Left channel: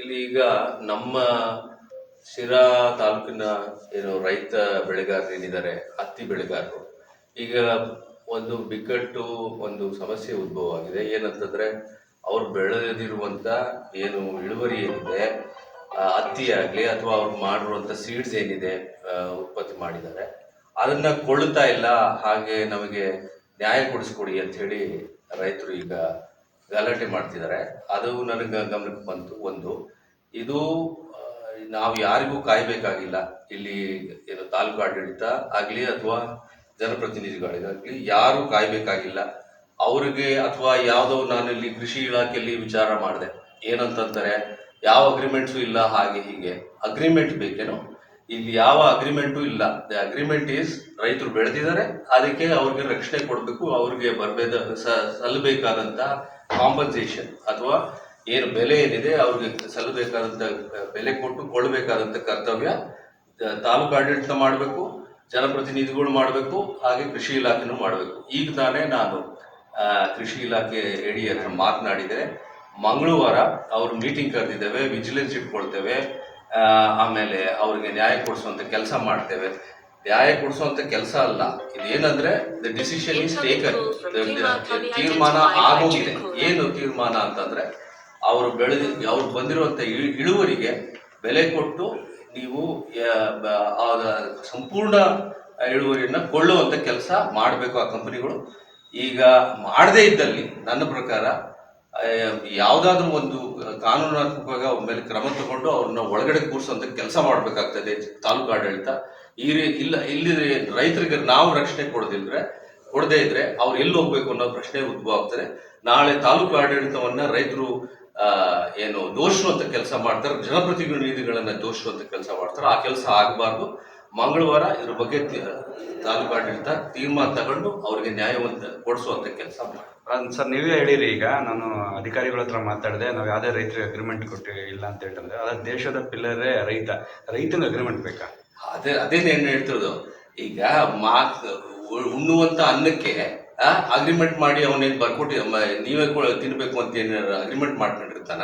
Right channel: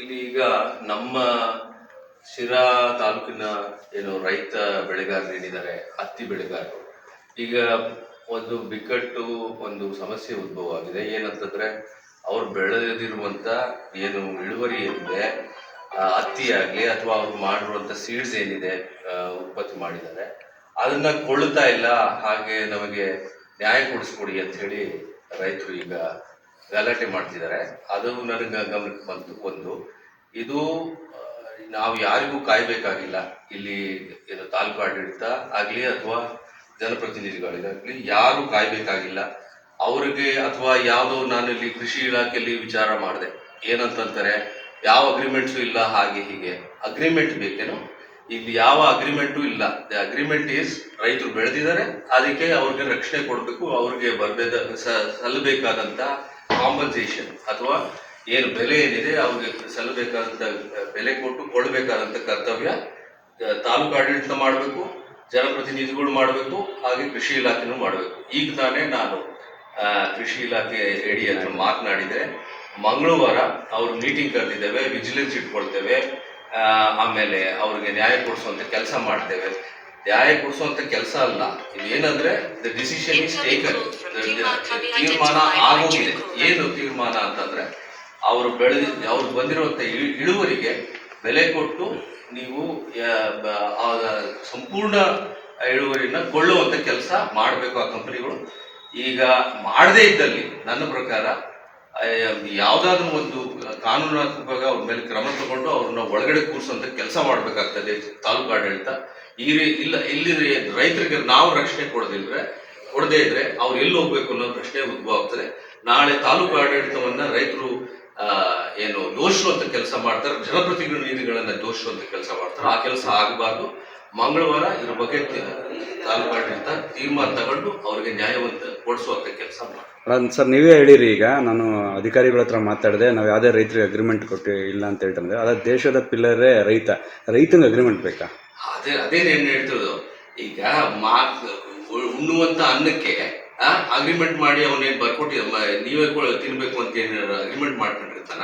ಇಲ್ಲಿ ಈಗ ನಮ್ಮ ಶಿರಾ ತಾಲೂಕಿನ ಏನು ರೈತ ಬೆಳೆಗಾರರು ಏನಿದ್ದಾರೆ ಹತ್ತಿ ಬೆಳೆಗಾರರು, ಈಗ ಒಂದು ಬಿಕ್ಕಟ್ಟು, ಒಂದು ಸಮಸ್ಯೆ ಉದ್ಭವ ಆಗಿದೆ. ಏನಂತಂದರೆ, ಅವ್ರು ಬೆಳೆದಿರುವಂತ ಏನು ಇಳುವರಿ ಏನಿದೆ ಹತ್ತಿ ಆಗಲಿ ಅಥವಾ ಅವ್ರು ಮಾಡಿರುವಂಥ ಸೀಡ್ಸ್ ಏನಿದೆ ಉತ್ಪತ್ತಿ ಮಾಡಿದ್ದಾರೆ. ಅದನ್ನ ಕೊಳ್ಳುತ್ತಾ ಇಲ್ಲ, ಹಾಗೆ ನಮಗೆ ನ್ಯಾಯ ಕೊಡಿಸ್ಕೊಡಿ ಅಂತ ಹೇಳಿ ರೈತರು ಈಗ ಗಲಾಟೆ ಮಾಡ್ತಿದ್ದಾರೆ. ಅದು ನನಗೆ ಗಮನಕ್ಕೆ ಬಂತು. ಒಂದು, ಇದು ನಾವು ಯಾರಿಗೂ ಕಾಯಬೇಕಾಗಿಲ್ಲ. ಇಲ್ಲಿ ಏನು ತಾಲೂಕು ಆಡಳಿತ ಆಗಲಿ ಅಥವಾ ಜನಪ್ರತಿನಿಧಿಗಳಿಗಾಗಲಿ ಯಾರು ಕಾಯಬೇಕಾಗಿಲ್ಲ. ಅವ್ರಿಗೆ ಅಥವಾ ಯಾವುದೋ ನಾನು ಇಲ್ಲಿ ಕೃಷಿ ಇಲಾಖೆಯಲ್ಲಿ ವಿಚಾರ ಮಾಡಿದೆ. ಏನಂತಂತಾರೆ ಯಾವ ಅಗ್ರಿಮೆಂಟ್ಸು ಇಲ್ಲ, ಹಾಗೆ ಹೀಗೆ. ಅಗ್ರಿಮೆಂಟ್ ಬೇಕೇನೋ? ಇಲ್ಲಿ ಯಾವ ಅಗ್ರಿಮೆಂಟು ಇಲ್ಲ. ದ ಅಗ್ರಿಮೆಂಟ್ ಈಸ್ ರೈತರು ಬೆಳೆದಿದ್ದಾರೆ. ಅದಕ್ಕೆ ಅವ್ರಿಗೆ ರಕ್ಷಣೆ ಕೊಡಬೇಕು. ಅವ್ರಿಗೆ ಬರಬೇಕ ಸಲ್ಲಬೇಕಾದಂತ ಕಾಂಪನ್ಸೇಷನ್ ಅಥವಾ ಏನು ಬೆಲೆ ಏನಿದೆ ಅವ್ರಿಗೆ ಸಲ್ಲಬೇಕಾದಂತ ಬೆಲೆ ಕೊಟ್ಟು ಕೊಡಬೇಕಾದಂತ ಕರ್ತವ್ಯ ತಾಲೂಕು ಆಡಳಿತ ಮಾಡಬೇಕು, ಜನಪ್ರತಿನಿಧಿಗಳು ಮಾಡಬೇಕು, ಹಾಗೆ ಕೃಷಿ ಇಲಾಖೆನೂ ಮಾಡಬೇಕು. ಈಗ ತಾನೇ ನಾನು ಕೃಷಿ ಇಲಾಖೆ ಎಡಿ ಹತ್ರ ಮಾತನಾಡಿದೆ. ಮಂಗಳವಾರ ಅವ್ರ ಮೀಟಿಂಗ್ ಕರೆದಿದ್ದೇವೆ ವಿಜಿಲೆನ್ಸ್ ಇಟ್ಕೊಳ್ತೇವೆ ಆಮೇಲೆ ಅವ್ರಿಗೆ ನ್ಯಾಯ ಕೊಡಿಸುವಂಥ ಕೆಲಸ ಮಾಡ್ತೇವೆ. ನ್ಯಾಯ ಕೊಡಿಸುವಂತ ಕೆಲಸ ಅಲ್ಲ. ಇದೇನಂದ್ರೆ ದ ಡಿಸಿಷನ್ ಇಸ್ ಟೇಕನ್ ತೀರ್ಮಾನ ಆಗೋಗಿದೆ. ಏನು ತೀರ್ಮಾನ ಅಂತಂದ್ರೆ ಅವರು ಬೆಳೆದ ಅವ್ರು ಬಂದಿರುವಂತ ಇಳು- ಇಳುವರಿಗೆ ಬೆಲೆ ಕೊಟ್ಟು ನೀವು ಸಂಪೂರ್ಣ ಇಳುವರಿನ ಕೊಳ್ಳುವಂತ ಕೆಲಸ ಮಾಡಬೇಕು ಆ ಕಂಪನಿಗಳು. ಈಗ ಮಾಡದೇ ಇದ್ದಲ್ಲಿ ನನ್ನ ಪ್ರಕಾರ ಯಾವುದಾದ್ರೂ ಒಂದು ಕಾನೂನಾತ್ಮಕವಾಗಿ ಅವ್ರ ಮೇಲೆ ಕ್ರಮ ತಗೊಂಡು ಅವ್ರನ್ನ ಒಳಗಡೆ ಕೂರಿಸುವಂತ ಕೆಲಸ ಮಾಡಬೇಕಾಗ್ತದೆ ತಾಲೂಕು ಆಡಳಿತ. ಈ ರೀ ಇಲ್ಲ ಇಲ್ಲಿ ರೈತರಿಗೆ ನಾವು ರಕ್ಷಣೆ ಕೊಡದಿದ್ರೆ ಕೊಡದೇ ಇದ್ರೆ ಅವ್ರು ಎಲ್ಲಿ ಹೋಗ್ಬೇಕು ಅನ್ನೋ ಪ್ರಶ್ನೆ ಉದ್ಭವ ಆಗ್ತದೆ. ನಾಳೆ ತಾಲೂಕು ಆಡಳಿತವನ್ನ ರೈತರು ಏನು ದೋಷುವಂತ ಕೆಲಸ ಮಾಡ್ತಾರೆ ಜನಪ್ರತಿನಿಧಿಗಳನ್ನ ದೋಷುವಂತ ಕೆಲಸ ಮಾಡ್ತಾರೆ. ಆ ಕೆಲಸ ಆಗಬಾರ್ದು. ಮಂಗಳವಾರ ಇದ್ರ ಬಗ್ಗೆ ತಾಲೂಕು ಆಡಳಿತ ತೀರ್ಮಾನ ತಗೊಂಡು ಅವ್ರಿಗೆ ನ್ಯಾಯವಂತ ಕೊಡಿಸುವಂತ ಕೆಲಸ ಮಾಡ್ತಾರೆ. ಸರ್, ನೀವೇ ಹೇಳಿರಿ ಈಗ, ನಾನು ಅಧಿಕಾರಿಗಳ ಹತ್ರ ಮಾತಾಡಿದೆ, ನಾವು ಯಾವುದೇ ರೈತರಿಗೆ ಅಗ್ರಿಮೆಂಟ್ ಕೊಟ್ಟು ಇಲ್ಲ ಅಂತ ಹೇಳ್ತಂದ್ರೆ ಅದ ದೇಶದ ಪಿಲ್ಲರೇ ರೈತ. ರೈತನ ಅಗ್ರಿಮೆಂಟ್ ಬೇಕಾ? ಅದೇ ಅದೇ ಏನು ಹೇಳ್ತಿರೋದು. ಈಗ ಮಾತ್ ಉಣ್ಣುವಂತ ಅನ್ನಕ್ಕೆ ಅಗ್ರಿಮೆಂಟ್ ಮಾಡಿ ಅವನೇನು ಬರ್ಕೊಟ್ಟಿ ನೀವೇ ತಿನ್ಬೇಕು ಅಂತ ಏನ ಅಗ್ರಿಮೆಂಟ್ ಮಾಡ್ಕೊಂಡಿರ್ತಾನ?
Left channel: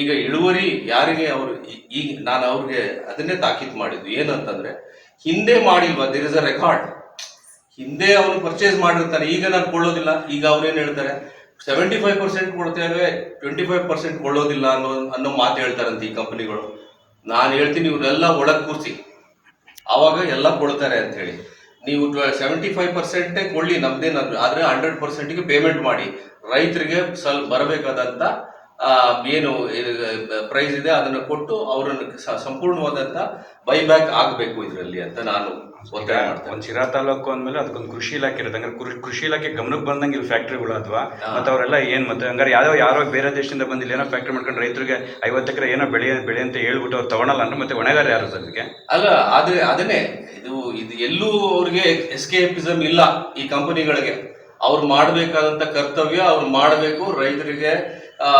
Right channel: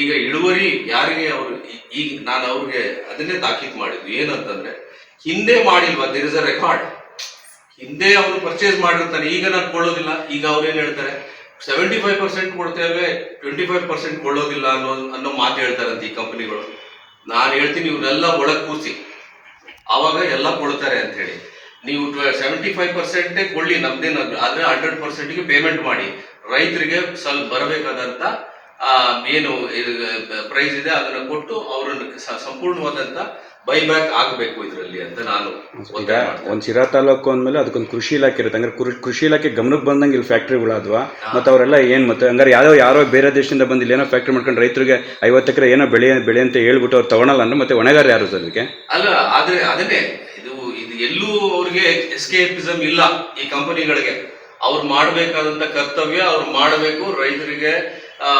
ಈಗ ಇಳುವರಿ ಯಾರಿಗೆ ಅವರು ಈಗ ನಾನು ಅವ್ರಿಗೆ ಅದನ್ನೇ ತಾಕೀತು ಮಾಡಿದ್ದು. ಏನಂತಂದ್ರೆ, ಹಿಂದೆ ಮಾಡಿಲ್ವಾ ದಿರ್ ಇಸ್ ಅ ರೆಕಾರ್ಡ್ ಹಿಂದೆ ಅವನು ಪರ್ಚೇಸ್ ಮಾಡಿರ್ತಾನೆ, ಈಗ ನಾನು ಕೊಳ್ಳೋದಿಲ್ಲ. ಈಗ ಅವ್ರೇನ್ ಹೇಳ್ತಾರೆ ಸೆವೆಂಟಿ ಫೈವ್ ಪರ್ಸೆಂಟ್ ಕೊಡ್ತೇವೆ ಟ್ವೆಂಟಿ ಫೈವ್ ಪರ್ಸೆಂಟ್ ಕೊಳ್ಳೋದಿಲ್ಲ ಅನ್ನೋ ಅನ್ನೋ ಮಾತು ಹೇಳ್ತಾರಂತೆ ಈ ಕಂಪನಿಗಳು ನಾನು ಹೇಳ್ತೀನಿ, ಇವರೆಲ್ಲ ಒಳಗೆ ಕೂರಿಸಿ. ಆವಾಗ ಎಲ್ಲ ಕೊಡ್ತಾರೆ ಅಂತ ಹೇಳಿ. ನೀವು ಸೆವೆಂಟಿ ಫೈವ್ ಪರ್ಸೆಂಟೇ ಕೊಡಲಿ ನಮ್ದೇನಾದ್ರು ಆದರೆ ಹಂಡ್ರೆಡ್ ಪರ್ಸೆಂಟಿಗೆ ಪೇಮೆಂಟ್ ಮಾಡಿ. ರೈತರಿಗೆ ಸ್ವಲ್ಪ ಬರಬೇಕಾದಂಥ ಏನು ಪ್ರೈಸ್ ಇದೆ, ಅದನ್ನು ಕೊಟ್ಟು ಅವರನ್ನು ಸಂಪೂರ್ಣವಾದಂಥ ಬೈಬ್ಯಾಕ್ ಆಗಬೇಕು ಇದರಲ್ಲಿ ಅಂತ ನಾನು ಒಂದು ಶಿರಾ ತಾಲೂಕು ಅಂದಮೇಲೆ ಅದಕ್ಕೊಂದು ಕೃಷಿ ಇಲಾಖೆ ಇರುತ್ತೆ. ಹಂಗಾರೆ ಕೃಷಿ ಇಲಾಖೆ ಗಮನಕ್ಕೆ ಬಂದಂಗೆ ಇಲ್ಲಿ ಫ್ಯಾಕ್ಟ್ರಿಗಳಾದ್ವಾ? ಮತ್ತು ಅವರೆಲ್ಲ ಏನು ಮತ್ತೆ ಹಂಗಾರೆ ಯಾರೋ ಯಾರೋ ಬೇರೆ ದೇಶದಿಂದ ಬಂದಿಲ್ಲ ಏನೋ ಫ್ಯಾಕ್ಟ್ರಿ ಮಾಡ್ಕೊಂಡು ರೈತರಿಗೆ ಐವತ್ತು ಎಕರೆ ಏನೋ ಬೆಳೆ ಬೆಳೆ ಅಂತ ಹೇಳ್ಬಿಟ್ಟು ಅವ್ರು ತಗೊಳಲ್ಲ ಅಂದ್ರೆ ಮತ್ತೆ ಒಣಗಾರ ಯಾರು ಅದಕ್ಕೆ ಅಲ್ಲ ಆದ್ರೆ ಅದನ್ನೇ ಇದು ಇದು ಎಲ್ಲೂ ಅವ್ರಿಗೆ ಎಸ್ಕೇಪಿಸಮ್ ಇಲ್ಲ ಈ ಕಂಪನಿಗಳಿಗೆ. ಅವ್ರು ಮಾಡಬೇಕಾದಂತ ಕರ್ತವ್ಯ ಅವ್ರು ಮಾಡಬೇಕು ರೈತರಿಗೆ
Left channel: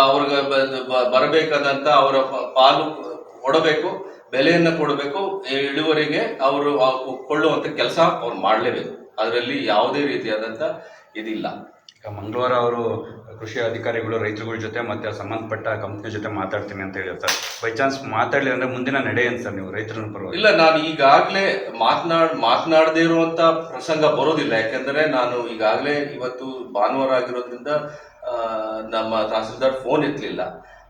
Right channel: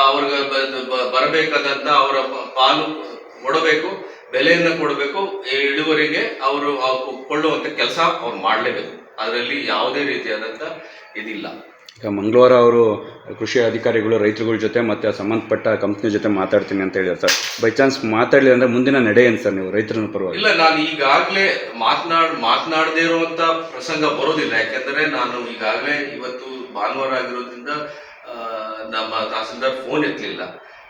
ಅವ್ರಿಗೆ ಬ- ಬ- ಬರಬೇಕಾದಂತ ಅವರ ಪಾಲು ಕೊಡಬೇಕು ಬೆಲೆಯನ್ನ ಕೊಡಬೇಕು ಇಳುವರಿಗೆ ಅವರು ಕೊಳ್ಳುವಂತ ಕೆಲಸ ಅವ್ರು ಮಾಡಲೇಬೇಕು. ಅದರಲ್ಲಿ ಯಾವುದೇ ರೀತಿಯಾದಂತ ಇದಿಲ್ಲ. ಈಗ ಮಂಗಳವಾರ ಅವರು ಕೃಷಿ ಅಧಿಕಾರಿಗಳು ರೈತರುಗಳ ಜೊತೆ ಮತ್ತು ಸಂಬಂಧಪಟ್ಟ ಕಂಪ್ನಿ ಜೊತೆ ಮಾತಾಡ್ತೀನಿ ಅಂತ ಹೇಳಿದ್ರು ಸರ್. ಬೈ ಚಾನ್ಸ್ ಮಾತಾಡಲಿ ಅಂದ್ರೆ ಮುಂದಿನ ನಡೆ ಏನು ಸರ್ ನೀವು ರೈತರ ಪರವಾಗಿ? ಇಲ್ಲ ನಾನು ಈಗಾಗಲೇ ಮಾತನಾಡ್ ಮಾತನಾಡದೇ ಇರುವಂತ ಪ್ರಸಂಗ ಬರೋದಿಲ್ಲ. ಯಾಕೆಂದ್ರೆ ನಾನು ಈಗಾಗಲೇ ಇವತ್ತು ಭಾನುವಾರ ಆಗಿರೋದ್ರಿಂದ ನಮ್ಮ ತಹಸೀಲ್ದಾರ್ ಫೋನ್ ಎತ್ತಲಿಲ್ಲ.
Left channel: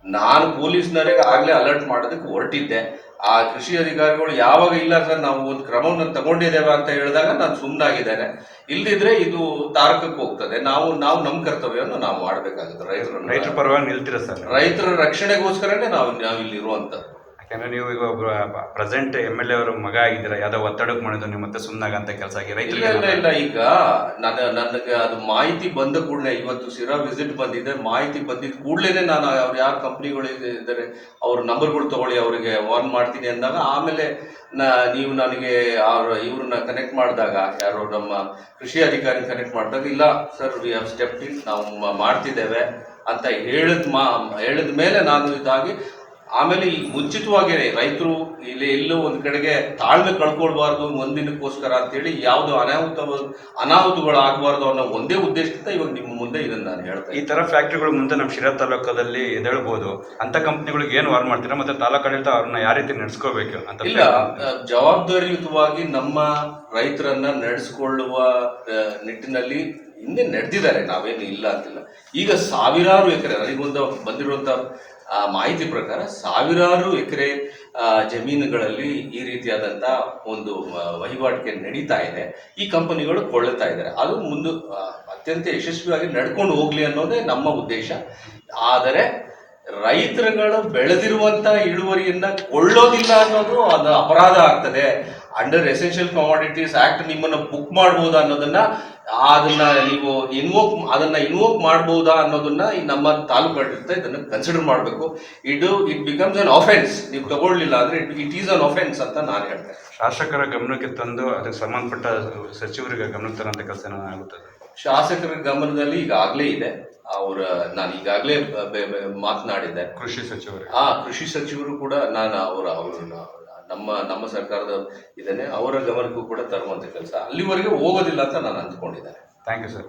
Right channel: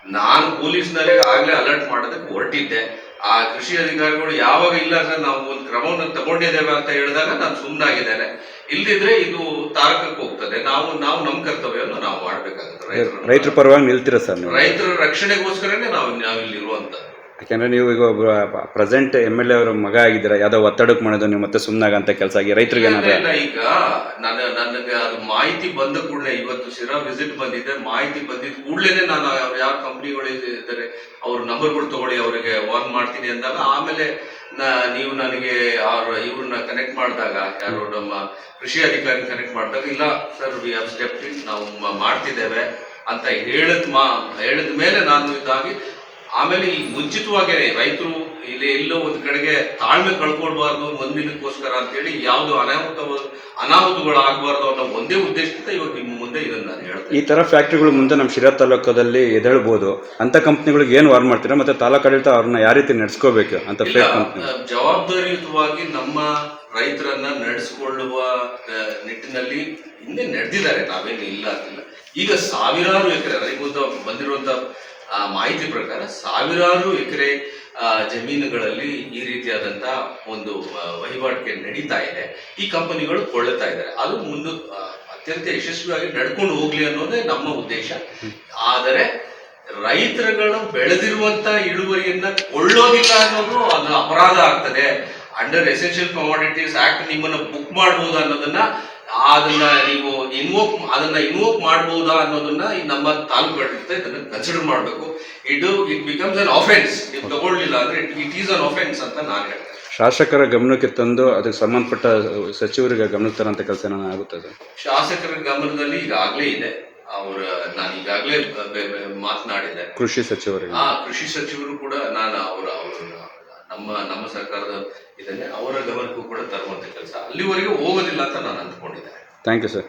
ನಾನು ಪೊಲೀಸ್ನವರಿಗೆ ಆಗಲೇ ಅಲರ್ಟ್ ಮಾಡೋದಕ್ಕೆ ಹೊರಟಿದ್ದೆ. ಆ ಕೃಷಿ ಅಧಿಕಾರಿಗಳು ಯಾವಾಗ ಇಲ್ಲ ಸರ್ ನಾವು ಒಂದು ಕ್ರಮವನ್ನು ತಗೊಂಡಿದ್ದೇವೆ ಅಂತ ಹೇಳಿದಾಗ ನಾನು ಸುಮ್ಮನಾಗಿದ್ದೇನೆ ಇಲ್ದಿದ್ರೆ ಇದು ತಾರಕಕ್ಕೆ ಹೋಗ್ತದೆ. ನಾವು ನಾವು ನಮ್ಮ ಕರ್ತವ್ಯವನ್ನು ನಾವು ಮಾಡಬೇಕಾಗುತ್ತೆ ರೈತರು ರೈತರ ಪರವಾಗಿ ನಿಲ್ತೀರ ಸರ್ ರೈತರ ರಕ್ಷಣೆಗೋಸ್ಕರನೇ ನಾವು ನಾವು ಇಲ್ಲಿ ಇರುವಂತದ್ದು ಯಾಕೆಂದ್ರೆ ನೀವು ಈಗ ಒಬ್ಬ ಪ್ರೆಸೆಂಟ್ ಎಂ ಎಲ್ ಎ ಅವರ ಮಗ ಆಗಿದ್ದೀರಾ ಯಾವ್ದೋ ಒತ್ತಡಕ್ಕೆ ಮಾಡಿದ್ರು ನೀವು ಮತ್ತೆ ಸುಮ್ಮನಾಗಂತ ಕೆಲಸ ಆಗಿ ರೈತರಿಗೆ ಇಲ್ಲ, ಈಗ ನಾನು ನನಗೆ ಅದು ಮಾಹಿತಿ ಬಂದ ಕೂಡಲೇ ಇವತ್ತು ಶಿರಾ ವಿಸಿಟ್ ಬಂದಿದೆ ಮಾಹಿತಿ ಬಂದಿದ್ದ ಕೂಡಲೇ ನಾನು ಅವ್ರು ಯಾವ ಕಂಪ್ನಿಗಳು ಇದ್ದಾರೆ ಅವ್ರ ನಂಬರ್ಗಳು ತಗೊಳ್ಳಿ ಅವರಿಗೆ ವಾರ್ನ್ ಮಾಡ್ತೀನಿ ಅಂದಾಗ ಆಮೇಲೆ ನಾ ನೀವು ನನಗೆ ಅವ್ರ ಇವ್ರನ್ನ ಕನೆಕ್ಟ್ ಮಾಡಿದಾಗ ಯಾರು ನಮ್ಮ ಕೃಷಿ ಅಧಿಕಾರಿ ಕನೆಕ್ಟ್ ಮಾಡಿದಾಗ ಇಲ್ಲ ಸರ್ ವಿ ಹ್ಯಾವ್ ಸ್ಟೆಪ್ ನಾವು ಮಾಡ್ತಿದ್ದೇವೆ ಅಂತ ಹೇಳಿದ ಮಾ ಹೇಳಿದ ಮೇಲೆ ನಾನು ಇದಾಗಿ ಆಮೇಲೆ ಈ ಮುಂಚಿತವಾಗಿ ರೈತರು ಇಲ್ಲಿ ಎಲ್ಲೋ ಒಂದು ಕಡೆಗೆ ತಾಳ್ಮೆ ಕಳ್ಕೊಳ್ಬಾರ್ದು ಒಂದಿನಕ್ಕೋಸ್ಕರ ಅಂತೇಳಿ ಯಾವ್ದು ಅನಾಹುತ ಅನಾಹುತಗಳು ಆಗಬಾರ್ದು ಅನ್ನೋ ಒಂದೇ ಉದ್ದೇಶದಿಂದ ಇವಾಗ ನಿಮ್ಮ ಮುಂದೆ ಇದನ್ನ ನಾನು ಹೇಳ್ತೇನೆ ಈ ತರ ಫ್ಯಾಕ್ಟ್ರಿಗಳು ಮುಂದೆ ನಮ್ಮ ಶಿರಾ ತಾಲೂಕದಲ್ಲಿ ಎದ್ದೇಳ್ಬೋದು. ಅಂತ ಕಂಪ್ನಿಗಳಿಗೆ ಏನು ವಾರ್ ಮಾಡ್ತೀರಾ? ಮತ್ತೆ ತಾಲೂಕು ಆಡಳಿತ ಅವ್ರನ್ನ ಯಾವ ರೀತಿ ನಡೆಸ್ಕೋಬೇಕು ಅಂತ ಜವಾಬ್ದಾರಿಯುತವಾಗಿ ನಮ್ಮ ರೈತರನ್ನ ನಡೆಸಿಕೊಳ್ಳುವ ನಿಟ್ಟಿನಲ್ಲಿ ಹಿಂದೆ ನಡೆದಿದ್ದಾರೆ. ನಾವೇನು ಇಲ್ಲ ಅಂತಿಲ್ಲ. ಈಗ ಸಾವಿರಾರು ಎಕರೆ ರೈತ ಬಂದಿರುವಂತ ಆ, ಮಾಹಿತಿ ಪ್ರಕಾರ ಸಾವಿರಾರು ಎಕರೆ ಜಮೀನುಗಳಲ್ಲಿ ಈ ರೀತಿಯಾದಂತ ಒಂದು ವಹಿವಾಟಿಗೆ ನಡೀತಾ ಇದೆ. ಈ ಕಂಪನಿಗಳು ಕೊಳ್ಳುತ್ತಾ ಇದ್ದಾರೆ. ಅದು ಮುಂದೆ ಅತ್ಯಂತ ಯಶಸ್ವಿಯಾಗಿ ನಡ್ಕೊಂಡು ಹೋಗ್ಲಿ ಅನ್ನೋದೇ ನಮ್ಮ ಉದ್ದೇಶ. ಆದರೆ ರೈತರುಗಳು ಬೆಳೆದಿರುವಂತ ಇಳುವರಿಯನ್ನ ಕೊಳ್ಳೋದಿಲ್ಲ ಅನ್ನೋದು ಅದು ಅಪರಾಧ ಆಗ್ತದೆ. ಅಂಡರ್ ಎಸೆನ್ಷಿಯಲ್ ಕಮಾಡಿಟೀಸ್ ಆಕ್ಟ್ ನಿಮ್ಮನ್ನು ಬುಕ್ ಮಾಡ್ಬೋದು ಅನ್ನೋದನ್ನ ಅದನ್ನ ನೀವು ಇನ್ವೋಕ್ ಅದನ್ನ ಇನ್ವೋಕ್ ಮಾಡಬಹುದಾ ಅನ್ನೋದನ್ನ ಈ ನಮ್ಮ ತಾಲೂಕು ಆಡಳಿತ ಇದನ್ನ ಕನ್ಸಿಡರ್ ಮಾಡಬೇಕು. ಇದು ಇಟ್ ಬಿಕಮ್ಸ್ ಅನ್ ಆಫೆನ್ಸ್ ನೀವು ತಗೊಳ್ಳಿಲ್ಲ ಅಂದ್ರೆ ಇಟ್ ಈಸ್ ಅನ್ ಆಫೆನ್ಸ್ ಅಂತ ನಾನು ಹೇಳ್ತೇನೆ. ಶಾಸಕರ ಗಮನಕ್ಕೆ ತಂದು ಅದಕ್ಕೆ ಸಂಬಂಧಪಟ್ಟ ಸಚಿವರಿಗೆ ಗಮನ ತರಂತ ಕೆಲಸ ಆಗುತ್ತದೆ ಶಾಸಕರ ಗಮನದಲ್ಲಿ ಈಗಾಗಲೇ ಇದೆ. ಅವರ ನಾನು ಈಗಾಗಲೇ ಮಾತನಾಡಿದ್ದೆ. ಕೃಷಿ ಸಚಿವರು ಆ ಕೃಷಿ ಸಚಿವರು ಕೂಡ ನಾನು ಅವರ ಅವರು ನಮ್ಮ ನಮ್ಮ ಸರ್ಕಾರದ ಇದನ್ನೇ ಅವರ ಗಮನಕ್ಕೂ ಕೂಡ ತರುವಂತ ಕೆಲಸ. ಅಲ್ಲಿವರೆಗೆ ಹೋಗೋದಿಲ್ಲ ಅಂತ ನಾನು ಅಂದ್ಕೊಂಡಿದ್ದೇನೆ. Thank you sir